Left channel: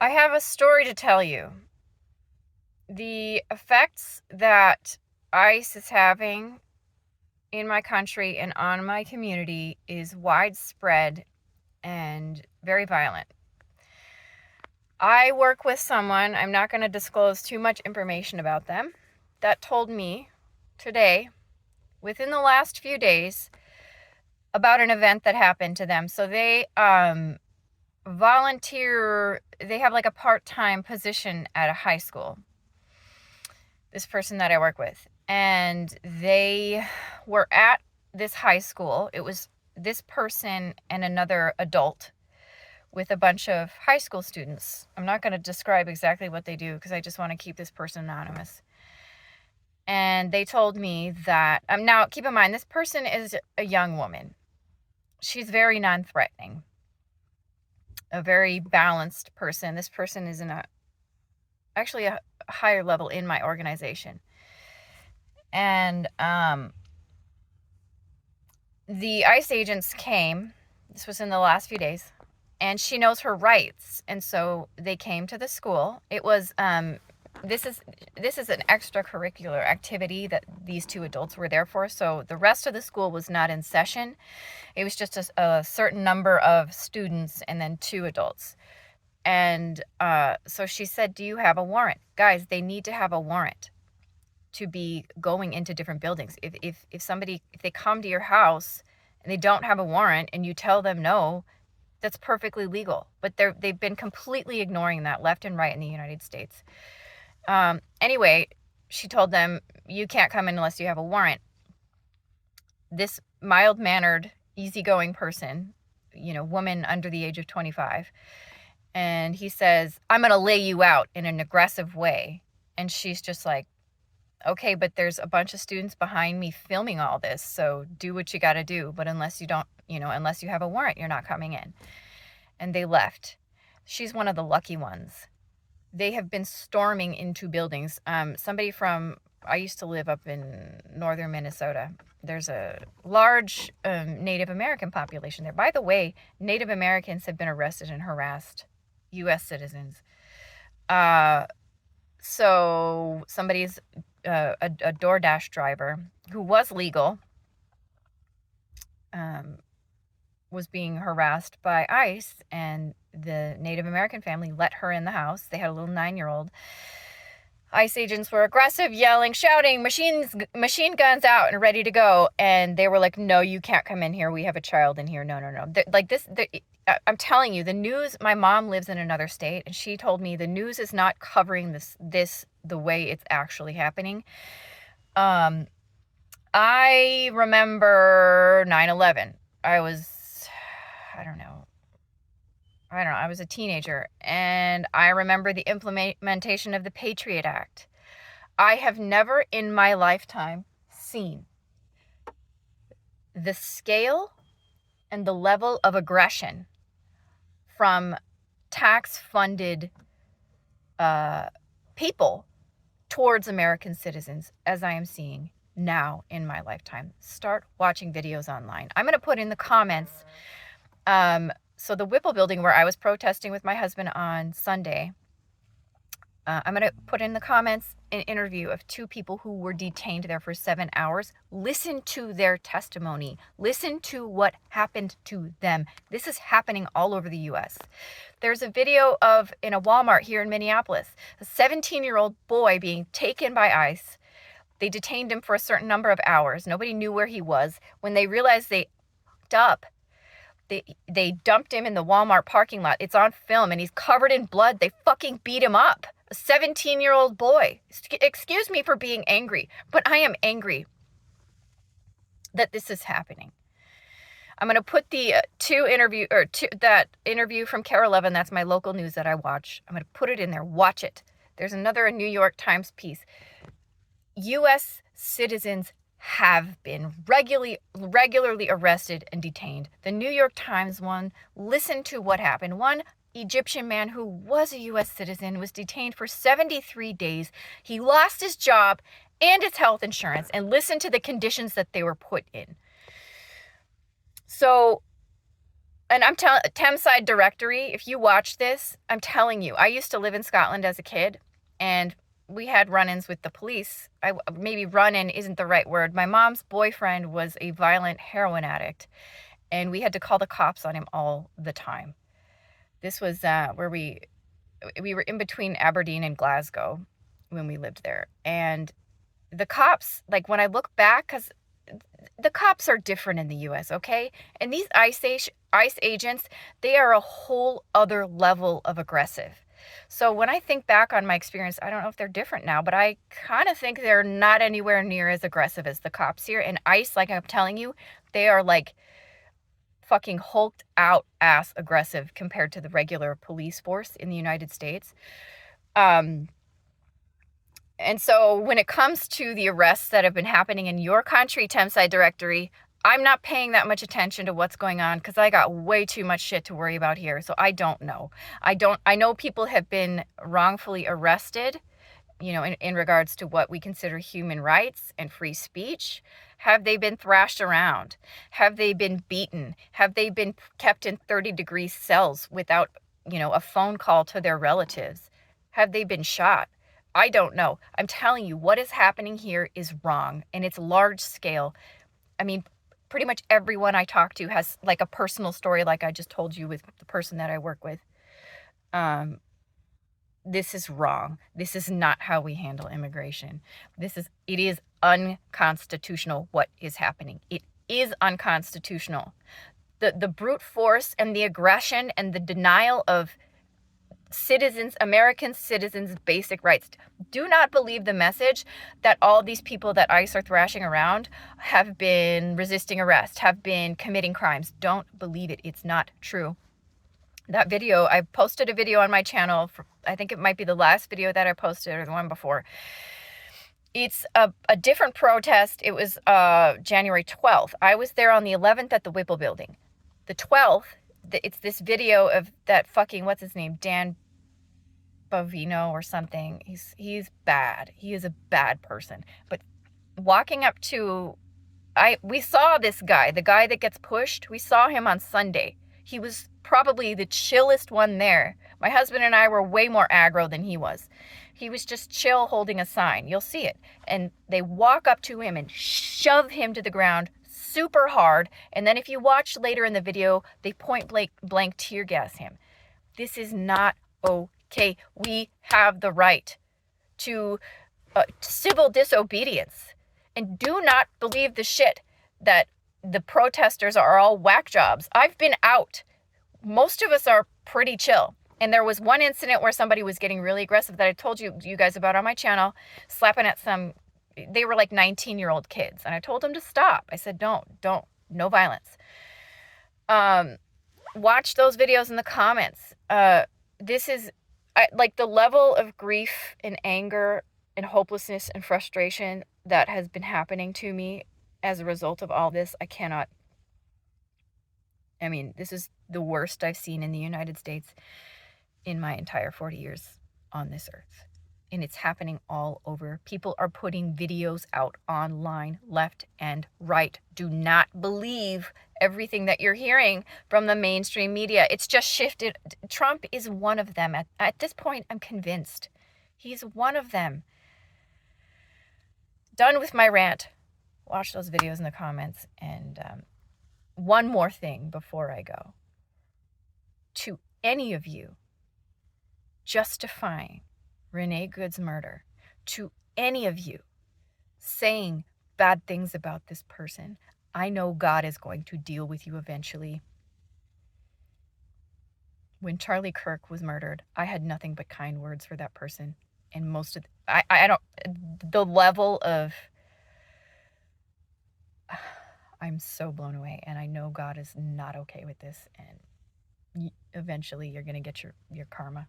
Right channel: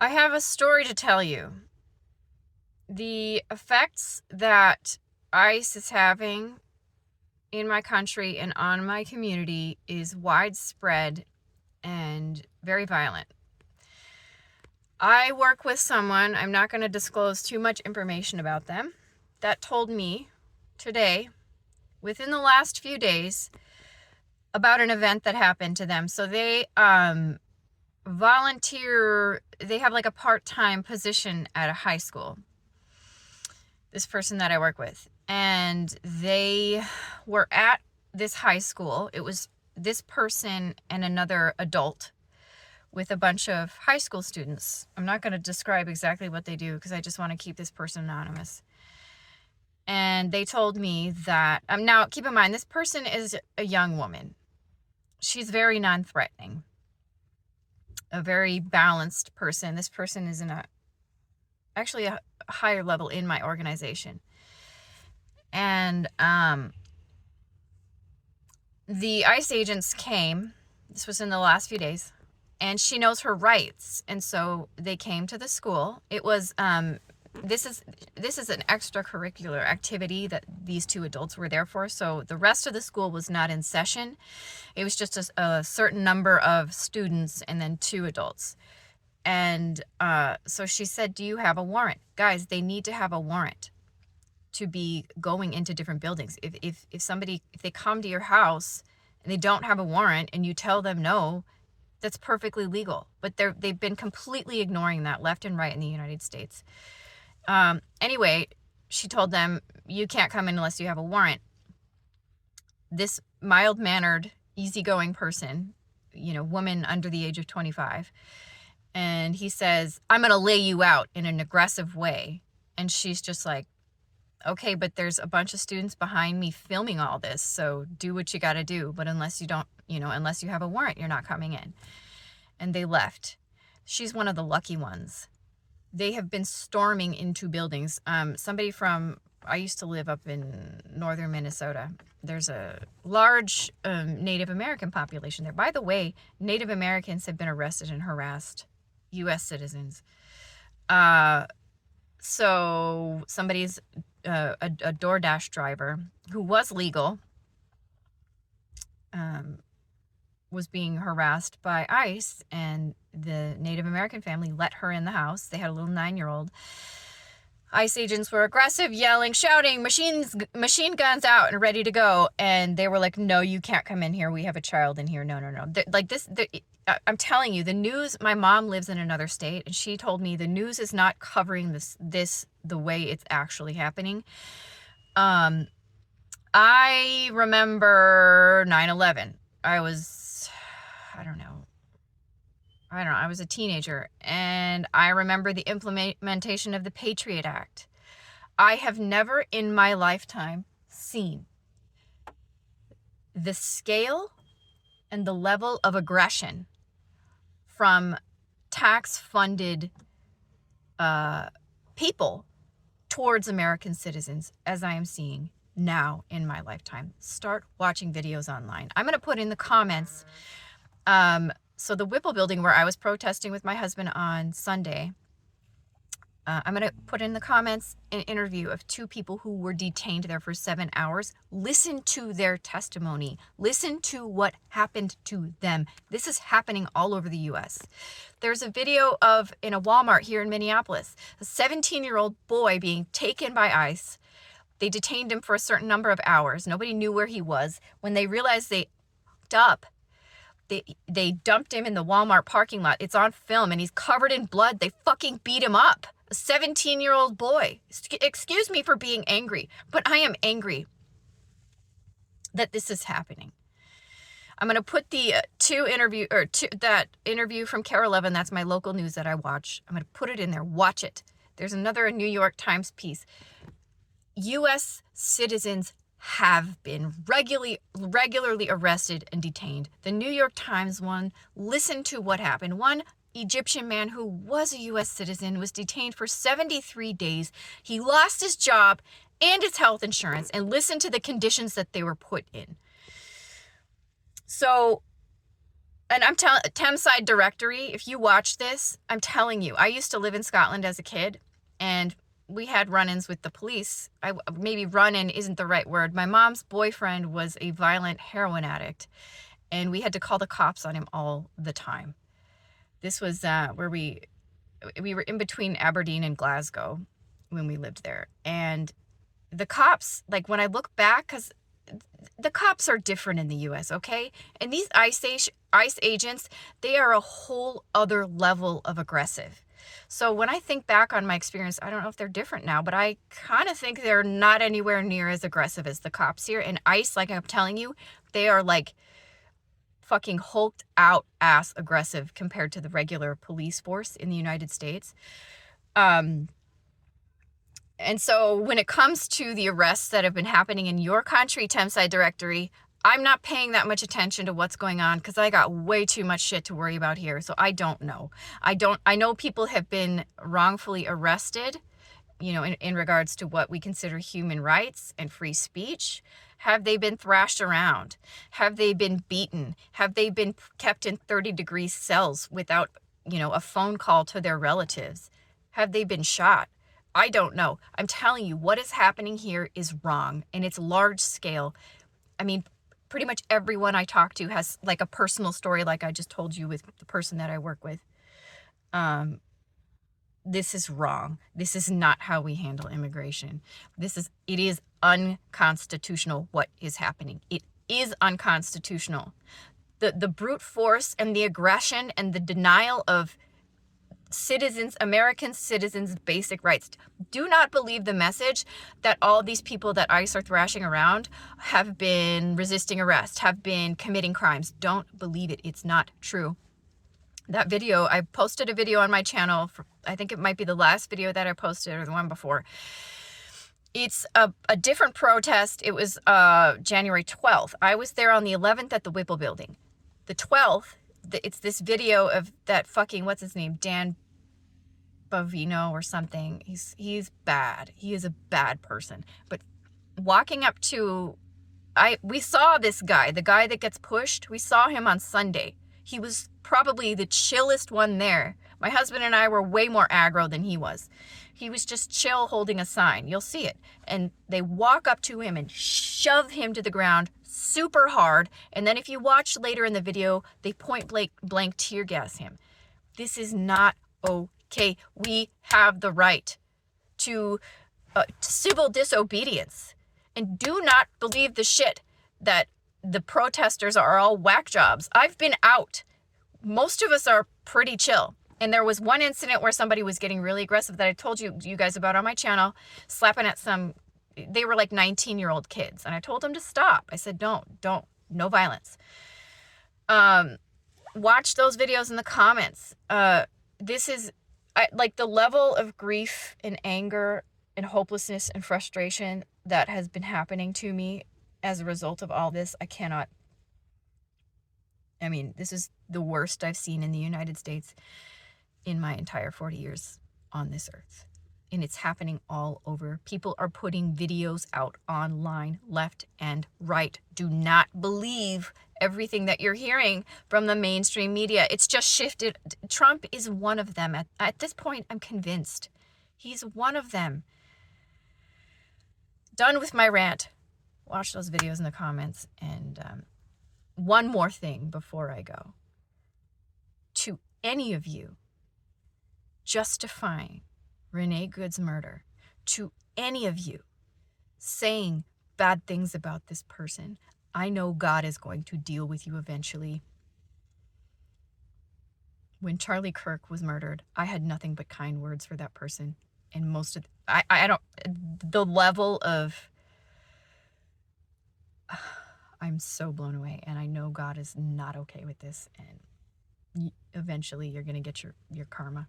I have a story to tell you. The effects that ICE is having in my country and on my community is widespread and very violent. I work with someone, I'm not going to disclose too much information about them, that told me today, within the last few days, about an event that happened to them. So they volunteer, they have like a part-time position at a high school, this person that I work with, and they were at this high school. It was this person and another adult with a bunch of high school students. I'm not going to describe exactly what they do because I just want to keep this person anonymous. And they told me that, now keep in mind, this person is a young woman. She's very non-threatening, a very balanced person. This person is actually a higher level in my organization. And the ICE agents came, this was in the last few days, and she knows her rights. And so they came to the school. It was, this is an extracurricular activity that these two adults were there for. So the rest of the school was not in session. It was just a certain number of students and then two adults. And so she said, do you have a warrant? Guys, they need to have a warrant to be going into different buildings. If they come to your house and they don't have a warrant and you tell them no, that's perfectly legal. But they've been completely ignoring that left and right in the United States. Anyway, she told them, you can't come in unless you have a warrant. This mild-mannered, easygoing person, woman under the age of 25, and he says, I'm going to lay you out in an aggressive way. And she's just like, okay, but there's a bunch of students behind me filming all this, so do what you got to do. But unless you have a warrant, you're not coming in. And they left. She's one of the lucky ones. They have been storming into buildings. I used to live up in northern Minnesota. There's a large Native American population there. By the way, Native Americans have been arrested and harassed U.S. citizens. So somebody's a DoorDash driver who was legal was being harassed by ICE, and the Native American family let her in the house. They had a little 9-year-old. ICE agents were aggressive, yelling, shouting, machine guns out and ready to go. And they were like, no, you can't come in here. We have a child in here. No. I'm telling you, the news, my mom lives in another state, and she told me the news is not covering this the way it's actually happening. I remember 9/11. I was a teenager, and I remember the implementation of the Patriot Act. I have never in my lifetime seen the scale and the level of aggression from tax-funded people towards American citizens as I am seeing now in my lifetime. Start watching videos online. I'm going to put in the comments. So the Whipple building where I was protesting with my husband on Sunday, I'm going to put in the comments an interview of two people who were detained there for 7 hours. Listen to their testimony. Listen to what happened to them. This is happening all over the U.S. There's a video in a Walmart here in Minneapolis, a 17-year-old boy being taken by ICE. They detained him for a certain number of hours. Nobody knew where he was. When they realized they fucked up, they dumped him in the Walmart parking lot. It's on film, and he's covered in blood. They fucking beat him up. A 17-year-old boy. Excuse me for being angry, but I am angry that this is happening. I'm going to put the that interview from Kare 11. That's my local news that I watch. I'm going to put it in there. Watch it. There's another New York Times piece. U.S. citizens have been regularly arrested and detained. The New York Times one, listen to what happened. One Egyptian man who was a U.S. citizen was detained for 73 days. He lost his job and his health insurance, and listen to the conditions that they were put in. So And I'm telling, Thameside Directory, if you watch this, I'm telling you, I used to live in Scotland as a kid, and we had run-ins with the police. Maybe run-in isn't the right word. My mom's boyfriend was a violent heroin addict, and we had to call the cops on him all the time. This was where we were in between Aberdeen and Glasgow when we lived there. And the cops, like when I look back, because the cops are different in the US, okay? And these ICE agents, they are a whole other level of aggressive. So when I think back on my experience, I don't know if they're different now, but I kind of think they're not anywhere near as aggressive as the cops here. And ICE, like I'm telling you, they are like fucking hulked out ass aggressive compared to the regular police force in the United States. And so when it comes to the arrests that have been happening in your country, Thameside Directory, I'm not paying that much attention to what's going on because I got way too much shit to worry about here. So I don't know. I know people have been wrongfully arrested, you know, in regards to what we consider human rights and free speech. Have they been thrashed around? Have they been beaten? Have they been kept in 30-degree cells without, you know, a phone call to their relatives? Have they been shot? I don't know. I'm telling you, what is happening here is wrong, and it's large scale. I mean, pretty much everyone I talk to has like a personal story like I just told you with the person that I work with. This is wrong. This is not how we handle immigration. It is unconstitutional what is happening. It is unconstitutional. The brute force and the aggression and the denial of American citizens' basic rights. Do not believe the message that all these people that ICE are thrashing around have been resisting arrest, have been committing crimes. Don't believe it. It's not true. That video, I posted a video on my channel. I think it might be the last video that I posted or the one before. It's a different protest. It was January 12th. I was there on the 11th at the Whipple building. The 12th, it's this video of that fucking, what's his name? Dan Bovino or something. He's bad. He is a bad person. But walking up to, we saw this guy, the guy that gets pushed. We saw him on Sunday. He was probably the chillest one there. My husband and I were way more aggro than he was. He was just chill holding a sign. You'll see it. And they walk up to him and shove him to the ground super hard. And then if you watch later in the video, they point blank tear gas him. This is not okay. We have the right to civil disobedience. And do not believe the shit that the protesters are all whack jobs. I've been out. Most of us are pretty chill. And there was one incident where somebody was getting really aggressive that I told you guys about on my channel, slapping at they were like 19-year-old kids. And I told them to stop. I said, don't, no violence. Watch those videos in the comments. This is like the level of grief and anger and hopelessness and frustration that has been happening to me as a result of all this. This is the worst I've seen in the United States in my entire 40 years on this earth. And it's happening all over. People are putting videos out online, left and right. Do not believe everything that you're hearing from the mainstream media. It's just shifted. Trump is one of them. At this point, I'm convinced. He's one of them. Done with my rant. Watch those videos in the comments. And one more thing before I go. To any of you justifying Renee Good's murder, to any of you saying bad things about this person, I know God is going to deal with you eventually. When Charlie Kirk was murdered, I had nothing but kind words for that person. And the level of, I'm so blown away. And I know God is not okay with this. And eventually you're going to get your karma.